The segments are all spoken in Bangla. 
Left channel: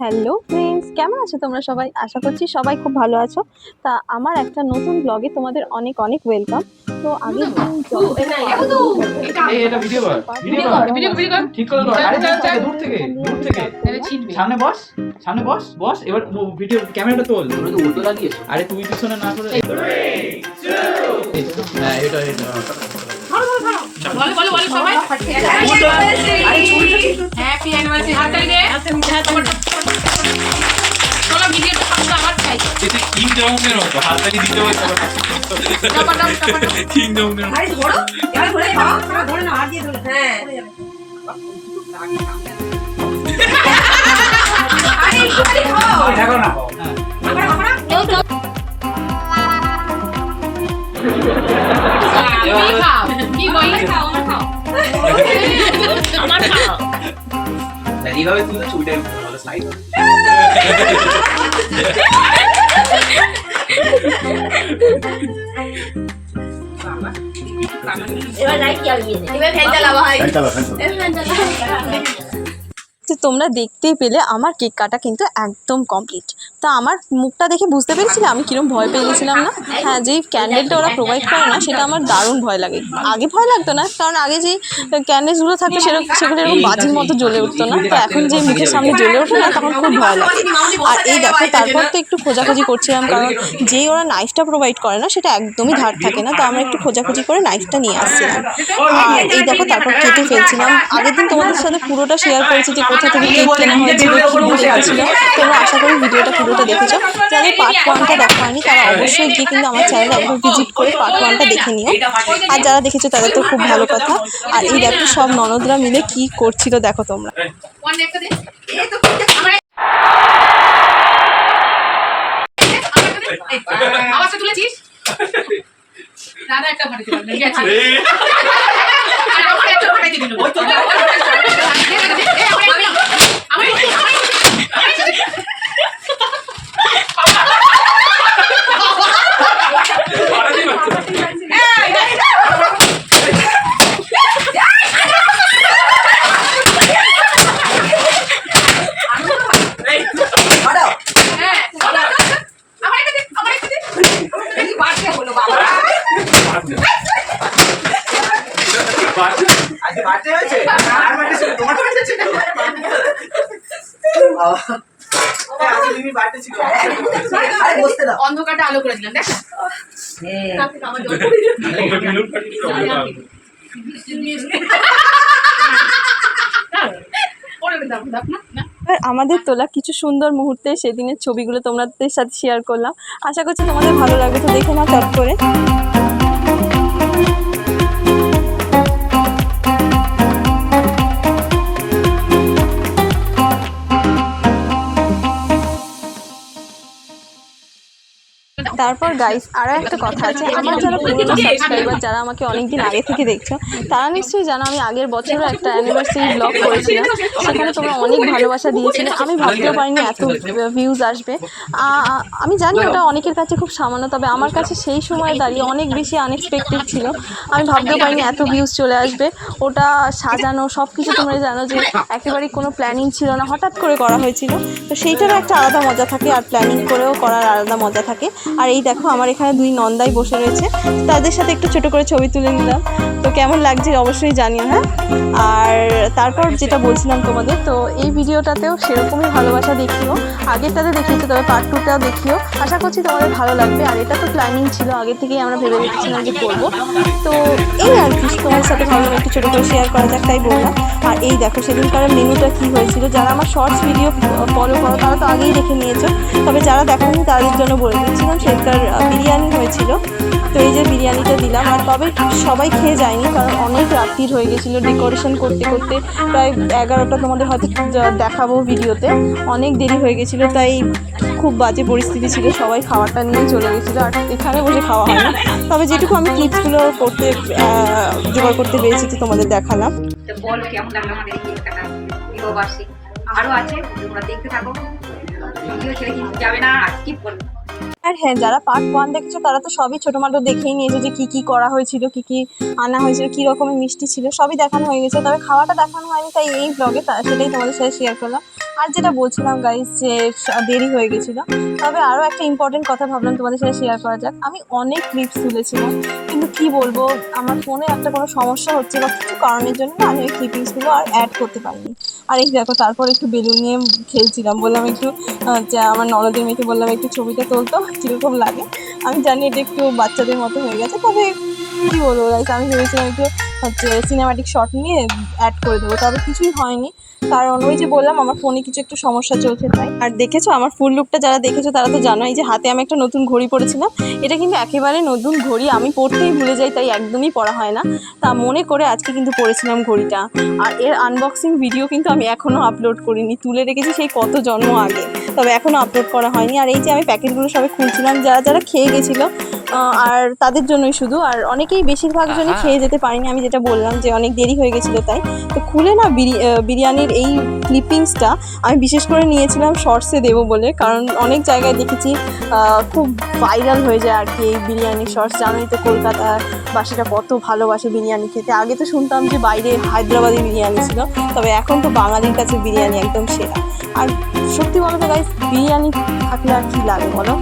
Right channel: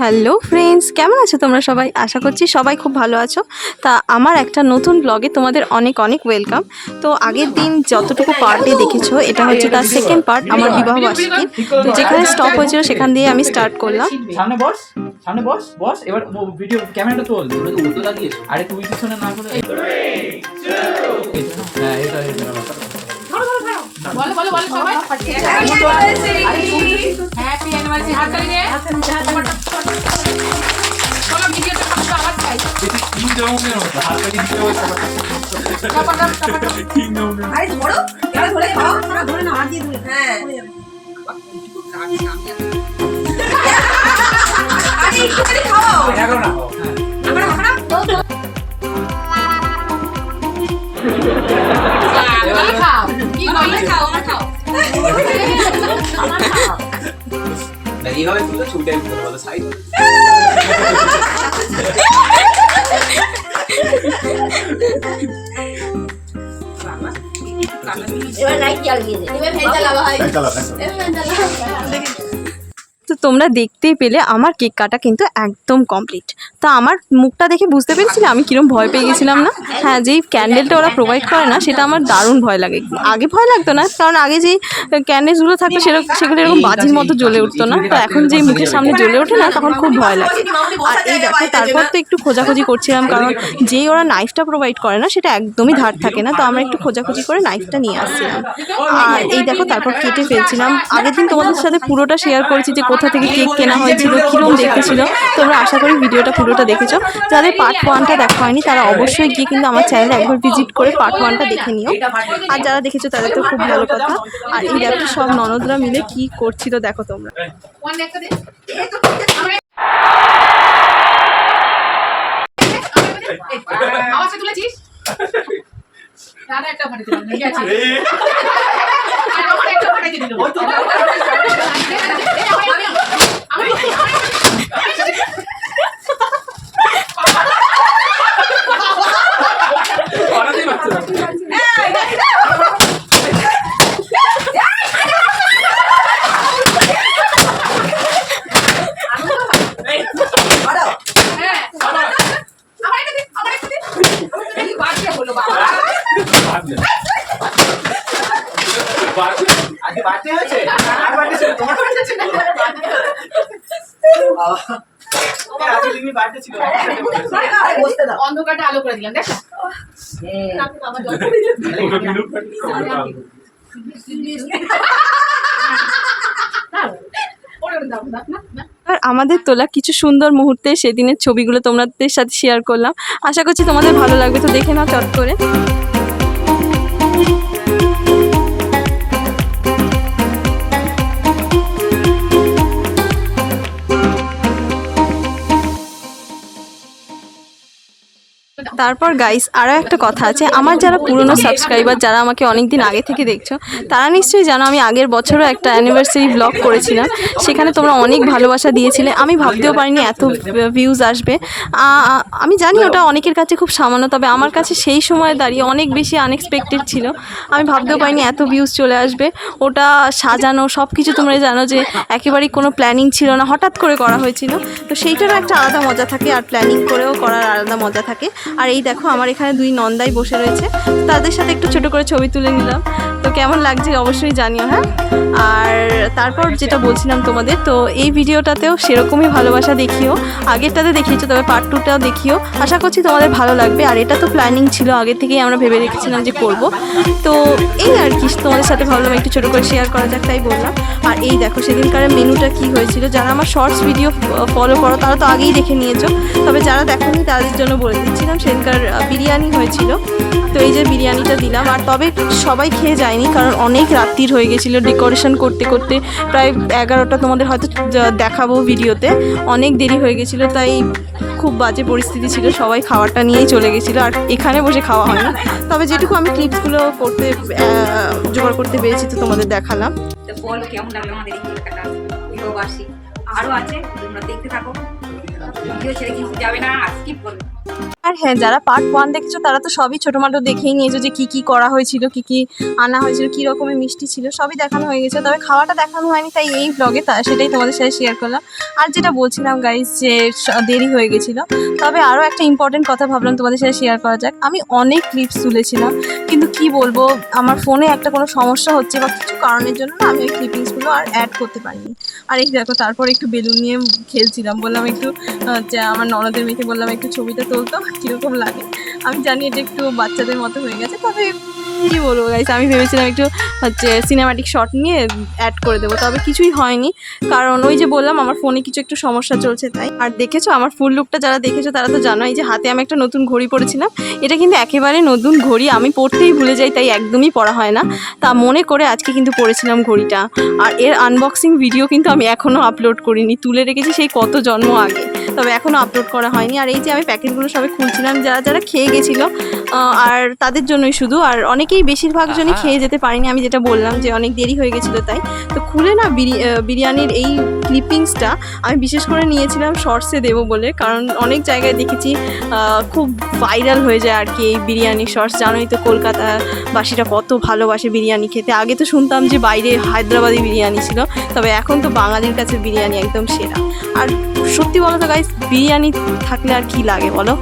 হ্যালো ফ্রেন্ডস কেমন আছো তোমরা সবাই? আশা করছি সবাই খুব ভালো আছো। তা আমার একটা নতুন ব্লগে তোমাদের অনেক অনেক ওয়েলকাম তো আগের দিন যতটুকু পার্টে দেখেছ এটা হচ্ছে তার সেকেন্ড পার্ট আমার বিবাহ বার্ষিকী। তো যেখানে স্টপ হয়েছিল সেখান দিয়ে আমি স্টার্ট করলাম। সামনে বস সামনে বস বস এবার ভিডিও ক্যামেরাটা তোল। তো উল্টো লাগিয়েছো। আরে তুমি পিছনে না করে হ্যাঁ এটা এটা বলো বলো বলো সবাই। হ্যাপি অ্যানিভার্সারি হাত চালিয়ে চলো ভিডিওটা করতে আবার চাই কিং জংয়ের মতো হাততালি দিতে হচ্ছে কিং জংয়ের মতো এখন না হ্যাঁ। খাও। খাও আমার খাও? 이거 한카 한카.แต่นี่เราเป็นคุณผู้ชมเดินของเราใช้ Ủa, nói chơi gì vậy? Em phải là phải. Em phải là তোমরা দেখতেই পেলে আমার কেক কাটা কিন্তু একদম কমপ্লিট তো আমার মুখটা দেখে বুঝতে পেরেছিলে? আমি কিরম ভয় পেয়ে গেছিলাম না? হ্যাঁ যেই ক্যান্ডেলটা ওরা প্রোভাইড করে না, সেটা আমার দারুণ ভয় লাগে। আগে ভয় লাগতো না, কারণ আগে যেই ক্যান্ডেলসগুলো থাকতো সেরকম সেগুলো এরকম বাজির মতো জ্বলে উঠতো না। তো এখন যে মুখের সামনে জ্বলে ওঠে না, তখন খুব ভয় লাগে। আর এই দেখো, তারপর তো একটু খোঁজাখুঁজি করছিলাম, কারণ যেই ওরা নাইফটা প্রোভাইড করে না, সেটা একদমই ধার থাকে না। তো আমরা একটু খোঁজাখুঁজি করে নাইফটা নিয়ে আসছিলাম। আর এই দেখো, তারপর কেটে ফেলছিলাম। আগের দিন তোমাদের সাথে পুরোটা শেয়ার করেছি যে কোথা থেকে কেক কেনা হয়েছিল কীরকম দেখেছিল। তোমরা আশা করি ভিডিওটা পুরোটা দেখেছ। যাদের পার্ট ওয়ানটা দেখা হয়নি তারা অবশ্যই গিয়ে কিন্তু আমার চ্যানেলে একবার ভিজিট করে পার্ট ওয়ানটা দেখে নিও। আর যারা দেখেছ তাদের তো খুব ভালো কথা। আর এই দেখো সব ননদরা মিলে কি করছিল দেখো তোমরা। ওয়ান একটা দে আমার আওয়াজটা তুলেছিস দাদা একটা পারবে গেছে আর আমার একটা দিল আমি আমি হ্যাঁ আমার একটা দে আমার একটা দে এই বাড়তে হলো বাবা আজকে বার্থডে হয়েছে আর বার্থডে ছিল তোমার বার্থডে ছিল বাবা হ্যাঁ, আজকে তুমি বার্থডে ছিল আরে বসতে দাও অন্ধকারটা আলো করে দিলাম, দেখো। না না আর আমাদের তোলা কিছু সুন্দর মুহূর্তে সেদিনের ছবিগুলো তোমাদের সাথে শেয়ার করলাম। আশা করছি তোমাদের ভালো লাগবে, তো দেখে নাও চট করে। তারপর গাইস আরও একটা কথা আছে। আমার যারা পুরনো সাবস্ক্রাইবার যারা আমাকে অনেক দিন আগে থেকে দেখছ, তারা নিশ্চয়ই জানো আমি আগের বছরও একটা অ্যানিভার্সারি ব্লগ করেছিলাম। সেখানে তোমরা অনেক ভালোবাসা দিয়েছিলে। আমি ভাবতেও পারিনি এত ভিউজ আসবে। আমি জানি ওটা অনেকের কাছে খুব সামান্য, তবে আমার কাছে সেই সময় দাঁড়িয়ে অনেক বেশি আনএক্সপেক্টেড ছিল। আমি ভাবতেও পারিনি এত ভিউজ চলে আসবে। ওটা সাজানো সব কিছু তোমরা জানো যে একেবারেই কোনো প্ল্যানিং ছিল না, হঠাৎ করে করা হয়েছিল। তো সেইটারও একটা আলাদা মজা থাকে, আর প্ল্যানিং করেও করার আলাদা মজা থাকে। আর এই দেখো, আমার এখানে দুই নন্দাই বসে রয়েছে। তাদের সাথে একটু ছোট করে ছবি তুলে নিলাম। তো কেমন লাগছে অবশ্যই জানিও হ্যাঁ? আর তারপর যেটা বলছিলাম তোমাদের, তো এই ভিডিওটাতেও সেরকমই ভালোবাসা দেখিও। আগেরটাতে দেখিয়েছো, তবে পার্ট টুটাও দেখিও। আশা করছি তোমাদের ভালো লাগবে। আর এটা তো প্ল্যানিং ছিল, আগে থেকেই আমরা ভেবে রেখেছিলাম যে করব। তো এই আর কি, তোমাদের সাথে ভাবলাম একটু ছোটো করে শেয়ার করা যাক, তাই বললাম। আর এই দেখো, সেদিনকার মেনুটা কি হয়েছিল? যারা আমার শর্টস ভিডিও ফলো করো, তারা তো আগেই দেখে নিয়েছো। তবে যারা দেখোনি, তাদের জন্য বলে দিচ্ছিলাম, সেদিনকার বিরিয়ানি হয়েছিল। তো এই যে বিরিয়ানিটা দিলাম, আর তবে সবাই খেয়ে যায়নি, কারণ অনেক রাত্রির হয়ে গেছিল ডেকোরেশন করতে করতে। প্রায় এগারোটা তোমাদের হয়তো দেখাবো ভিডিওতে। অনেক দেরি হয়ে গেছিল, তাই খুব বাজে পরিস্থিতি ছিল, সবাই খাওয়ারটা নিয়েই চলে গেছিল, আর এখানে বসে খাওয়া হয় না তবে যেটুকু আমি ক্লিপসগুলো করতে জোগাড় করতে পেরেছি, তো তোমাদের দেখালাম। আরও আছে, তোমরা দেখতে থাকো। কিন্তু যাবে না আর হ্যাঁ যারা পার্ট ওয়ান দেখেছ, তারা তো সবই ছোটো মাটো দেখেই নিয়েছো যে কী কী করা হয়েছিল, কী কী আনা হয়েছিল, কী রকমের মিষ্টি ছিল, সবই দেখানো হয়ে গেছে। তবে খাওয়াটা দেখানো হয়নি, তাই এই ব্লগে তা সেটাই তোমাদের সাথে শেয়ার করলাম। আর যেটা বলছিলাম গাইজ যে দেরি হয়ে গেছিল, তবে আরও একটা ইম্পর্টেন্ট কথা ভাবলাম তোমাদের সাথে শেয়ার করা যাক। আমি অনেক ক্লিপস তুলেছিলাম, কিন্তু কি বলব, আমার ফোনে একটা কোনো সমস্যা হচ্ছে বা কিছু কারণের জন্য আমি ওই ক্লিপিংসগুলো আর অ্যাড করতে পারিনি। আর এই দেখো, তারপর একটু বেলুন নিয়ে খেলছিলাম, বললাম একটু যে আমার ননদের মেয়েকে বললাম, একটু ছবিটা তুলতো। কীরকম লাগে? আমি জানি এটা একটু বাচ্চাদের মতো হয়ে গেছে, তবে কি বলব গাইস আমি ভেবেছিলাম একটু হচ্ছে সিনেমাটিক শট নিয়ে অ্যাড করে দেবো, তবে কিছুই হয়নি। কারণ ওই যে বললাম, আমার ফোনে কিছু একটু সমস্যা চলছে তাই। আর দেখেছ, আমার ফুল লুকটা যারা দেখেছ, তারা তো জানোই যে হাতে আমি একটা নতুন ঘড়ি পরেছিলাম। এটা কিন্তু একেবারে নতুন ঘড়ি, আমি পড়তেই ভুলে যাই, তাই একদমই পড়া হয় না। তা মনে করে আজকে কিন্তু পড়েছিলাম ঘড়িটা। আর এর আনবক্সিং ভিডিও কিন্তু আমি এখনও আপলোড করিনি, তুলে রেখেছি সেই কত জন্ম আগে। তবে এখনও আপলোড করা হয়নি। আর এই যে আমি প্যাকেটগুলো সবাই খুলছিলাম, যারা যারা খেয়ে গেছিল আর তাদের জন্যই শুধু। আর অনেকেই বেশিরভাগ জনই খেয়ে যেতে পারিনি আমি যেটা বললাম যে অনেক দেরি হয়ে গেছিল তাই। তো খুলে না বিরি- বিরিয়ানির এই ক্লিপিংসটা আমি বিশেষ করে নিয়েছিলাম শর্টসে দেবো বলে কারণ অনেক জায়গায় দেখেছি খুব ভাইরাল হয়ে যায় আর কি এই বিরিয়ানি শর্টস। জানোই তো কলকাতাবাসীরা কত ভালোবাসে বিরিয়ানি খেতে। আগে তো শুনতাম যে বাইরে হায়দ্রাবাদি বিরিয়ানি ছিল তবে এখন তো বাঙালির কাছে বিরিয়ানি একদম সেরা। আর সত্যি বলো তো গাইস বিরিয়ানি থাকলে আর কী লাগে বলো?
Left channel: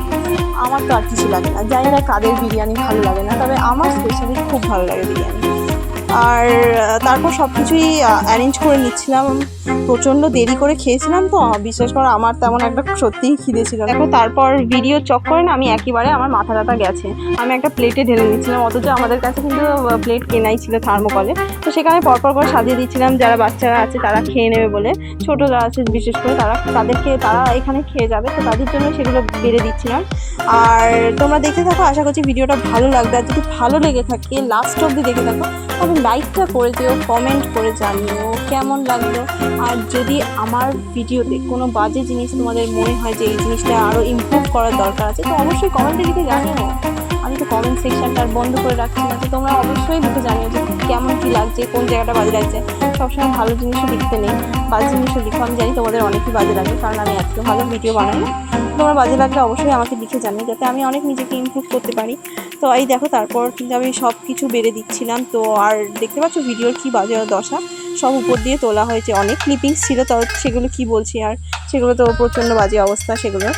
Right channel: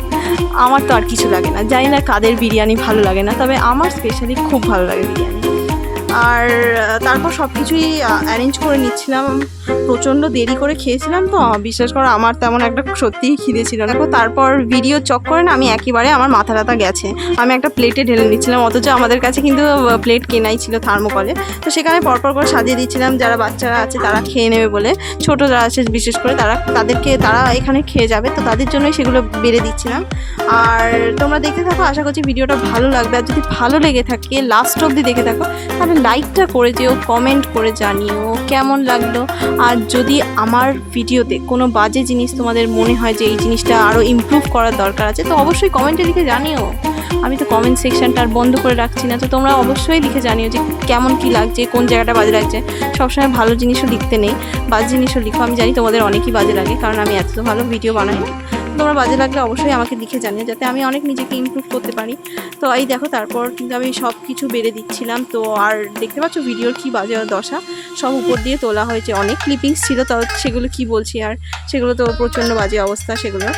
আমার তো আর কিছু লাগে না। জানি না কাদের বিরিয়ানি ভালো লাগে না, তবে আমার স্পেশালি খুব ভালো লাগে বিরিয়ানি। আর তারপর সব কিছুই অ্যারেঞ্জ করে নিচ্ছিলাম। প্রচণ্ড দেরি করে খেয়েছিলাম তো বিশেষ করে আমার তেমন একটা সত্যিই খিদে ছিল দেখো, তারপর ভিডিও চক করে না, আমি একেবারে আমার মাথা ব্যথা গেছে। আমি একটা প্লেটে ঢেলে নিচ্ছিলাম, অথচ আমাদের কাছে কিন্তু প্লেট কেনাই ছিল থার্মোকলে তো সেখানে পরপর করে সাজিয়ে দিচ্ছিলাম, যারা বাচ্চারা আছে তারা খেয়ে নেবে বলে। ছোটো যারা আছে, বিশেষ করে তারা, তাদেরকে, তারা এখানে খেয়ে যাবে, তো তাদের জন্যই সেগুলো বেড়ে দিচ্ছিলাম। আর তোমরা দেখতে থাকো, আশা করছি ভিডিওটা ভালো লাগবে। আর যদি ভালো লেগে থাকে লাস্ট অবধি দেখে থাকো, তাহলে লাইকটা করে দিও কমেন্ট করে জানিও, কেমন লাগল? আর যদি আমার ভিডিওতে কোনো বাজে জিনিস তোমাদের মনে হয় যে এই জিনিসটা আরও ইমপ্রুভ করার দরকার আছে, তো অবশ্যই কমেন্টে দিকে জানিও। আমি তো কমেন্ট সেকশনটা আর বন্ধ করে রাখছি না, তো তোমরা অবশ্যই লিখে জানিও যে কেমন কি লাগছে, কোন জায়গাটা বাজে লাগছে। সবসময় ভালো জিনিসও লিখতে নেই, বাজে জিনিসও লিখো। আমি জানি তোমাদের অনেকই বাজে লাগে, কারণ আমি এত ভালো ভিডিও বানাই। তোমার বাজে লাগলে অবশ্যই আমাকে লিখে জানিও, যাতে আমি অনেক নিজেকে ইমপ্রুভ করতে পারি। তো এই দেখো, তারপর কিন্তু আমি সব কিছু বেড়ে দিচ্ছিলাম। তো আর দেখতে পাচ্ছ ভিডিওর কী বাজে দশা? সব উপর দিয়ে তোলা হয়েছে। অনেক ক্লিপিংস ছিল, তো সেগুলো কি বলছি আর? সেগুলো তো প্রচণ্ড বাজে অবস্থা, সেগুলো।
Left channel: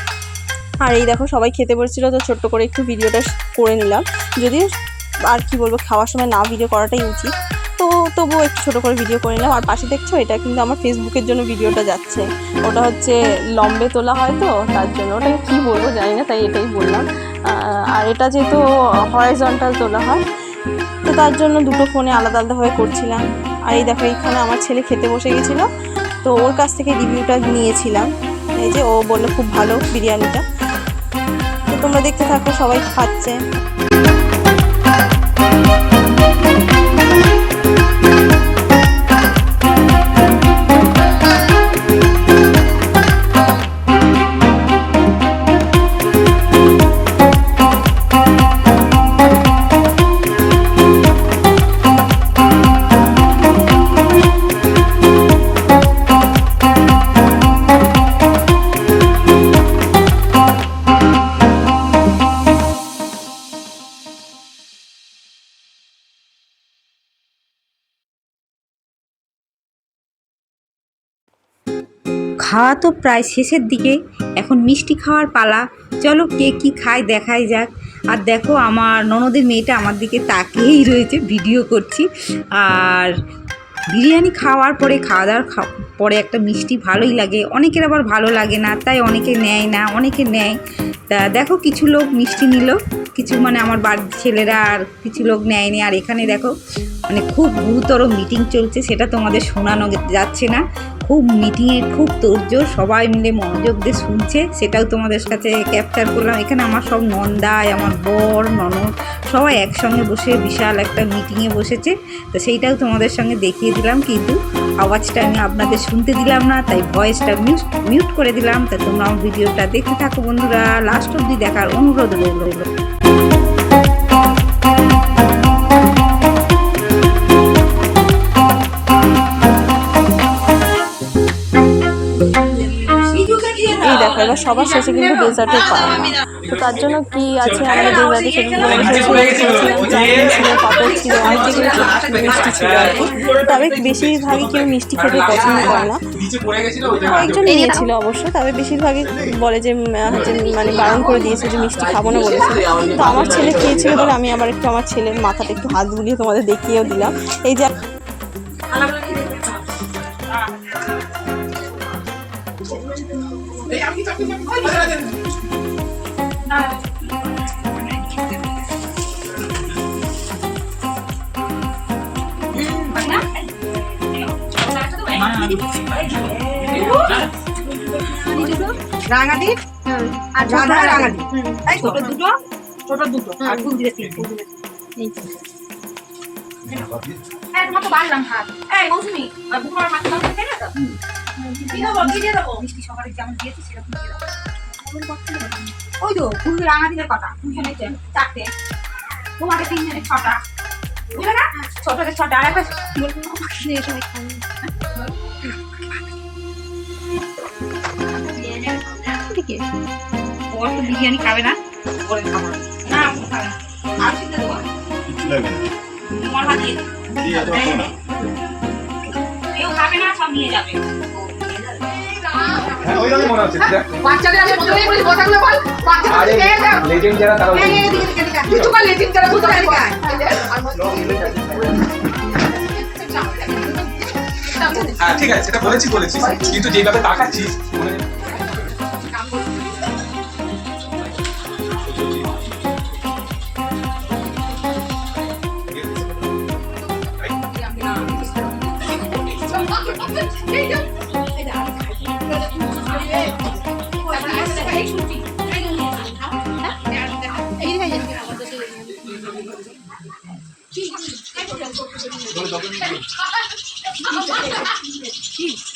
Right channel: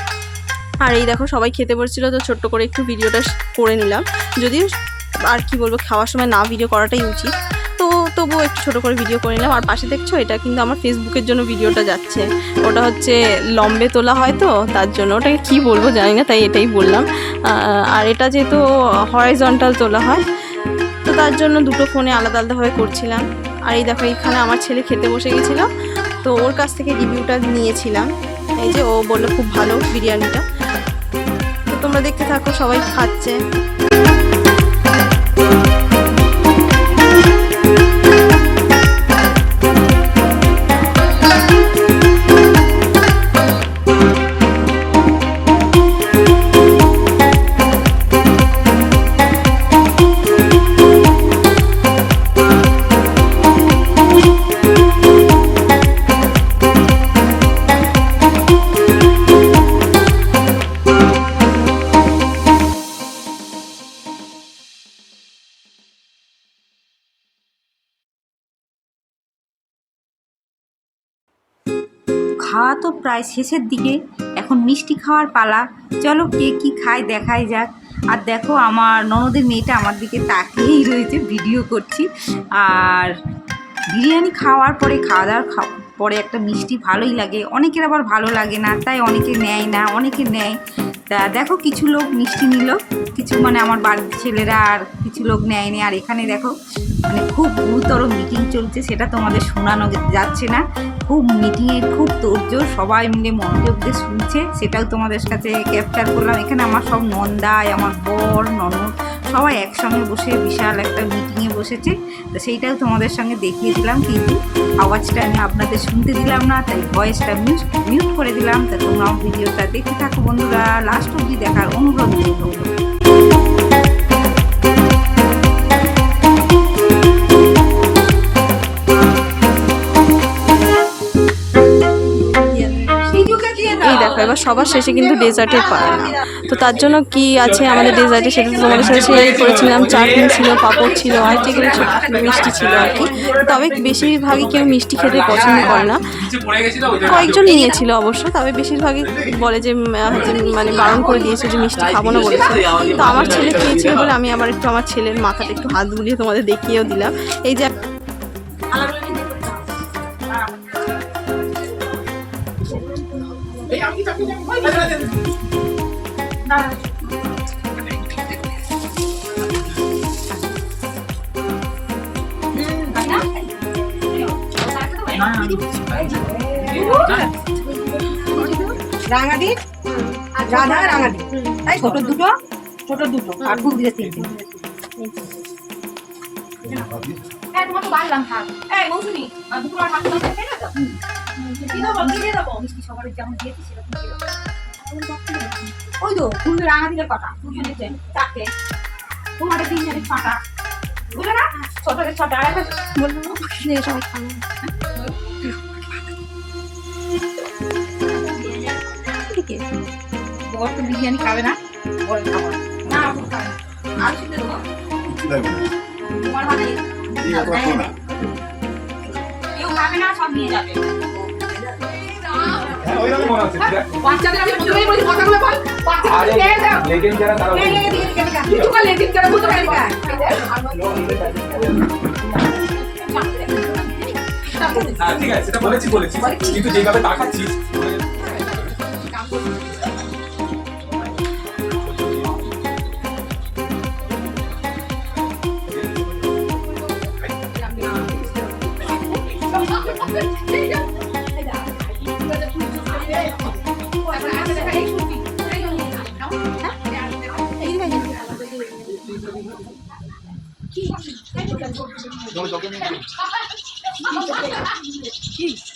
আর এই দেখো সবাই খেতে বসছিল, তো ছোট্ট করে একটু ভিডিওটা করে নিলাম। যদিও আর কি বলব, খাওয়ার সময় না ভিডিও করাটাই উচিত। তো তবুও একটু ছোটো করে ভিডিও করে নিলাম। আর পাশে দেখছ, এটা কিন্তু আমার ফেসবুকের জন্য ভিডিওটা যাচ্ছে। ওটা হচ্ছে লম্বে তোলা হয় তো, তার জন্য। ওটাকে কী বলব জানি না, তাই এটাই বললাম। আর এটা যেহেতু হরাইজন্টাল তোলা হয়, তো তার জন্য দুটো ফোনে আলাদা আলাদাভাবে করছিলাম। আর এই দেখো, এখানে আমার ছেলে খেতে বসে গেছিল। তো ওর কাছ থেকে রিভিউটা নিয়েছিলাম। এই যে ও বলল খুব ভালো বিরিয়ানিটা। তোমরা দেখতে থাকো সবাই খাচ্ছে। খাওয়া তো প্রায় শেষের দিকে। এখন মিষ্টি খাওয়ার পালা। চলো কে কি খায় দেখাই যাক। আর দেখো, আমার ননদের মেয়েটা আমার দিকে তাকিয়েই রয়েছে, ভিডিও করছি। আর বিরিয়ানি খাওয়ার পরে খাওয়া দাওয়ার পরে একটা মিষ্টি ভালোই লাগে। অনেকের আবার ভালো লাগে না, তাই অনেকে নেয় না, অনেকে নেয়। তা দেখো কিছু লোক মিষ্টি নিল, কিছু মানে আমার বাড়ির ছেলেরা আর কিছু লোক নেয়নি। আর এখানে দেখো মানে খুব গুরুতর মিটিং চলছে, সেটা তোমাদের শোনানো যাচ্ছে না। খুব মিটিংয়ে খুব তোর্য সবাই মিলে মনোযোগ দিয়ে শুনছে, সেটাও তোমাদের কাছে ক্যাপচার করলাম। এখানে আমার সব নন্দায় আমার বর, ননদ সবাই একসঙ্গে বসে বিশাল একটা মিটিংয়ে বসেছে। তো সেইটাও তোমাদের সঙ্গে দেখিয়ে দিলাম, কিন্তু আওয়াজটা আমি আপনাদের শুনতে দিলাম না, তাই ভয়েসটা মিউট মিউট করে দিলাম। তা তোমরা ভিডিওটা দেখতে থাকো বন্ধুরা। লাস্ট অব্দি দেখার অনুরোধ রইল। এবার সবার শেষে কিন্তু ডেজার্টের পায়। তো তার জন্য কি আছে আমাদের ডেজার্টে সেটা তোমাদের সাথে শেয়ার করেছিলাম। চাটনি ছিল, পাঁপড় ছিল, অনেক কিছু মিষ্টি ছিল আর কি। তবে বেশিরভাগই কেউ মিষ্টি খেতে পছন্দ করে না। কয়েকজন নিয়েছিল অবশ্য, তবে বেশিরভাগই বলে যে মানে বারণ করে দিয়েছে যে মিষ্টি খাব না বলেছে। তো আমার ছেলে খেয়েছিল বলে আমি আবার একটু আমার ছেলের মাথাটা একটু হাত বুলিয়ে তোমাদের দেখিয়েও দিলাম। এই যে রাঙাদি? রাধা রাঙাদি। তাই ছোট দুটো ছোট দুটো আর ফুল দিলে তিনটে। তোমার তো বাড়লাম হাত এই মৌসুমি আর দুপুর হাত দাও খেয়ে তো? মিষ্টি সবার যেমন দিয়েছি সেরকম। ওই তো ফুল রাঙা দিলে কটা দুজনে চে- চারটে তোমাদের তিনজনের ছটা বুঝলে না ছোটদের ছটা আর একটা ওর তো বিরিয়ানি খাবে না ওরে খাব না। না আপনি খাবেন আর শুনতে দেবো কিচ্ছু লাগবে না তোমার ভাত দিয়ে এত না কেউ খাবে না সব নিয়ে যাবে হ্যাঁ ওইরকম মনে হচ্ছে। দেখ। বাচ্চাদের আমি প্রথমেই বলি বল বাচ্চাদের যারা বুঝতে পারি হ্যাঁ ঠিক আছে সেটা বলেছি। বলেছি। কিন্তু যেভাবে তাকাচ্ছিস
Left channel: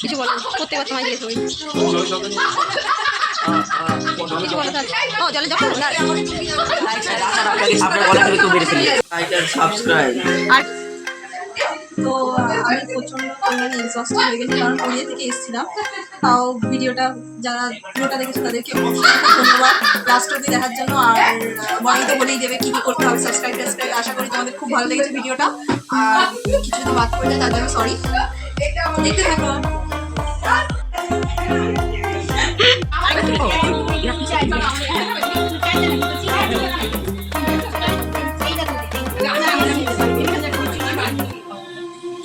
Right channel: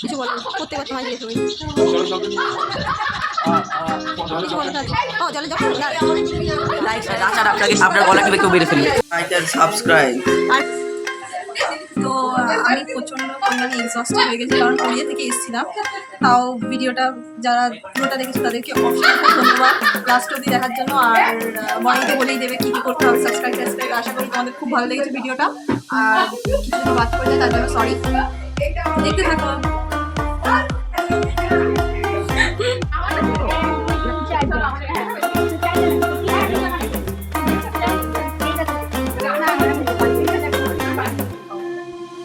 কিছু বলো প্রত্যেকবার তোমায় জিজ্ঞেস করি আপনার গলা কিন্তু মেরে ফেলি সাবস্ক্রাইব আমি প্রচণ্ড পরিমাণে এক্সস্ট হয়ে গেছি কারণ পুরুলিয়া থেকে এসেছিলাম তাও ভিডিওটা যারা পুরোটা দেখেছে তাদেরকে অসংখ্য ধন্যবাদ লাস্ট অব্দি দেখার জন্য আর মনে তো বলেই দেবে কী কী করতে হবে সাবস্ক্রাইব টাবস্ক্রাইব আশা করি তোমাদের খুব ভালো লেগেছে ভিডিওটা আর কিছু যদি বাদ পড়ে তার জন্য সরি দেখতে থাকো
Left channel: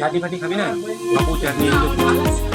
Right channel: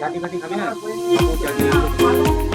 চাটি ফাটি খাবি না? বাবু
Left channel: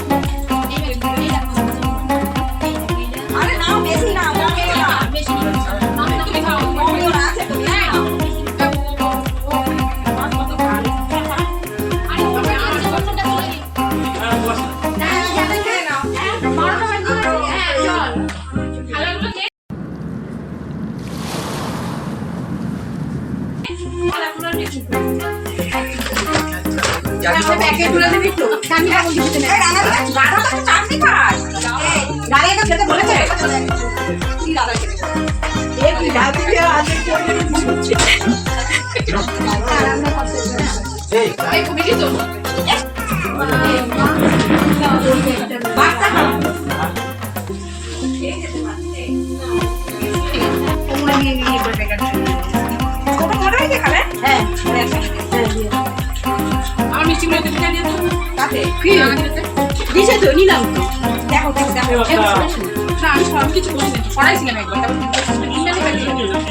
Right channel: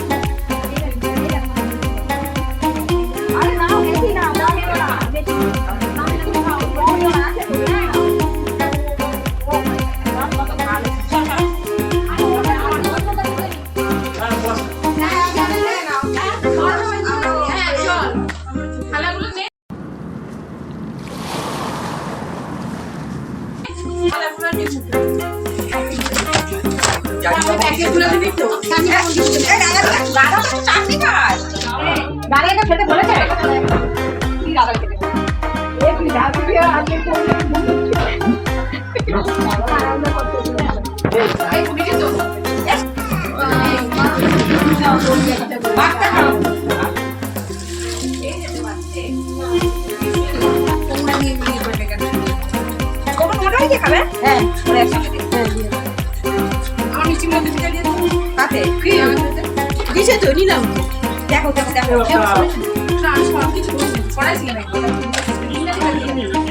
দেখো দেখো দেখো। না আমি সব কিছু সরাইছিলাম একবার।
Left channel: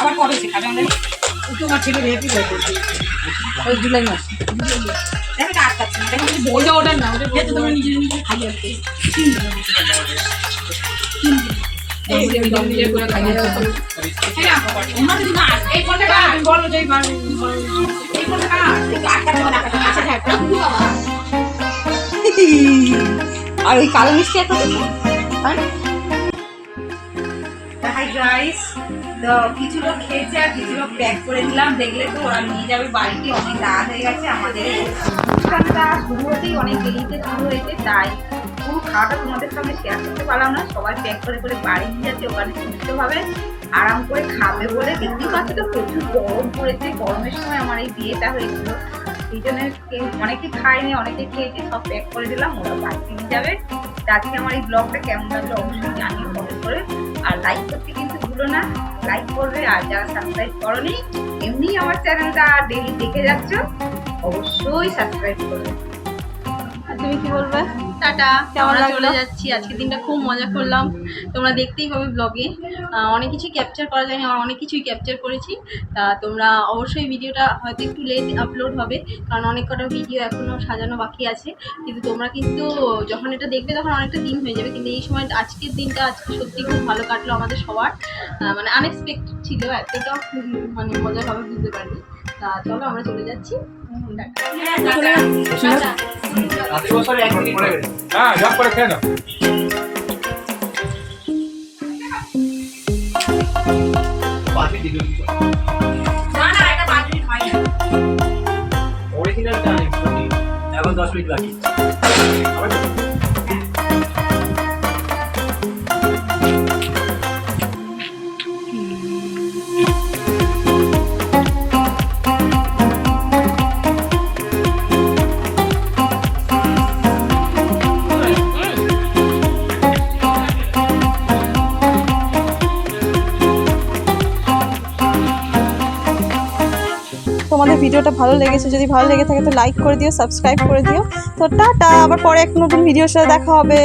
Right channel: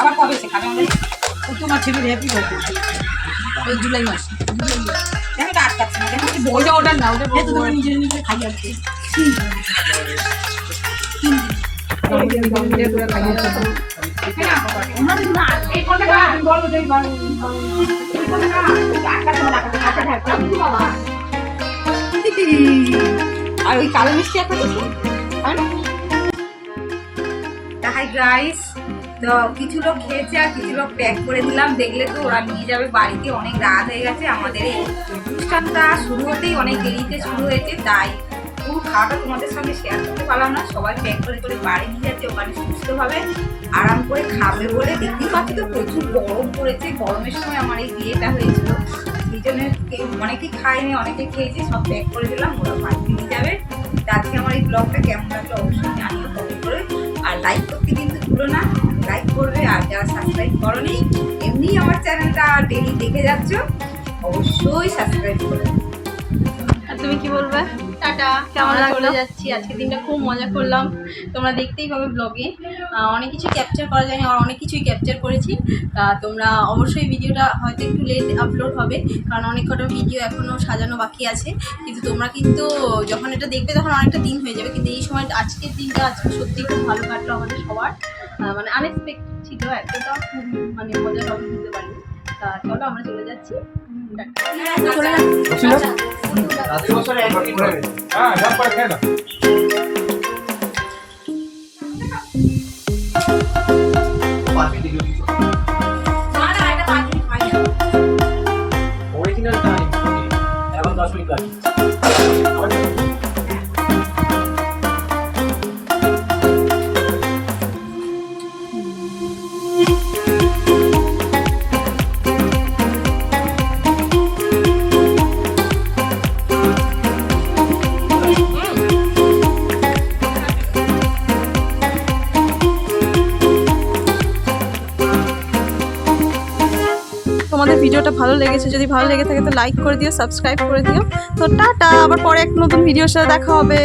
আবার কবে সে খাবে আমাদের? তোমার ছেলে হ্যাপি বার্থডে ওই জুলাই মাস। দেখো না। দেখো ওটা ওটা না ওটা এই তো তোমরা নিজের নিজে খাই বলো আচ্ছা হ্যাঁ আর ওই কালো মিষ্টি একটা দিচ্ছি হাই গাইস তো কিছু লোক খেয়েছে আর কিছু লোক প্যাক করে দিলাম। দেখলে তো ওরা নিয়ে যাবে বাড়িতে। অনেক রাত হয়ে গেছে। আমাদের অনুষ্ঠানটা শুরু হতেই অনেক দেরিতে শুরু হয়েছে। তাই পুরো খাওয়াটা তোমাদের সঙ্গে শেয়ার করতে পারলাম না। সবাই প্যাক করে করে বাড়ি নিয়ে যাচ্ছে। ওখানে সুস্থভাবে আরাম করে খাবে বলে দেখতেই পাচ্ছি তো প্রচুর গরম পড়েছে। গরমের সময় আমার এই বিয়েটা হয়েছিল। সেই জন্য কেউ অনেকে খায়নি, অনেকে খেয়েছে। সব প্যাক করে দিলাম। ওরা বাড়িতে নিয়ে যাবে। তা আজকে আমার এই ব্লগটা কেমন লাগল অবশ্যই জানিও কমেন্ট করে। আর লাইক করতে কিন্তু ভুলো না। লাইক করবে আর যারা সাবস্ক্রাইব করনি এমনি আমার চ্যানেলটা ডেলি দেখে যাচ্ছ অবশ্যই সাবস্ক্রাইব করবে আর তুমি কি বলবে? টাটা। কেমন আমরা লাগল? চলে যাচ্ছি। আজকে দিনটা খুব মজা করলাম। তোমরা দেখতেই পাবে ব্লগে অনেক কিছু ক্যাপচার করা যায়নি আর অনেক কিছুই ক্যাপচার করেছি। তা তোমরা অবশ্যই ভিডিওটা হয়তো একটু লেট আপলোড হবে কারণ অনেক কটা ভিডিও এখনও সাজানো বাকি আছে। কিন্তু তোমরা কিন্তু যখন এটা দেখবে তখন অনেকটা দিন হয়ে যাবে। কিন্তু এই সময় আজকের দিনটা আজকে সত্যি খুব ভালো কাটলো আমাদের সবার। মানে আনএক্সপেক্টেড ছিল এতটা খুব মানে মজা হবে বুঝতে পারিনি। তা চলো আমরা চলে যাচ্ছি। চলে যাচ্ছি। দশ মিনিট বাকি। ভিডিওটা ভালো লেগেছে, যদি ভালো লেগে থাকে তো লাইক করে দিও সাবস্ক্রাইব করে দিও। তো টাটা, আবার পরে এক নতুন ভিডিওর সাথে দেখা হবে।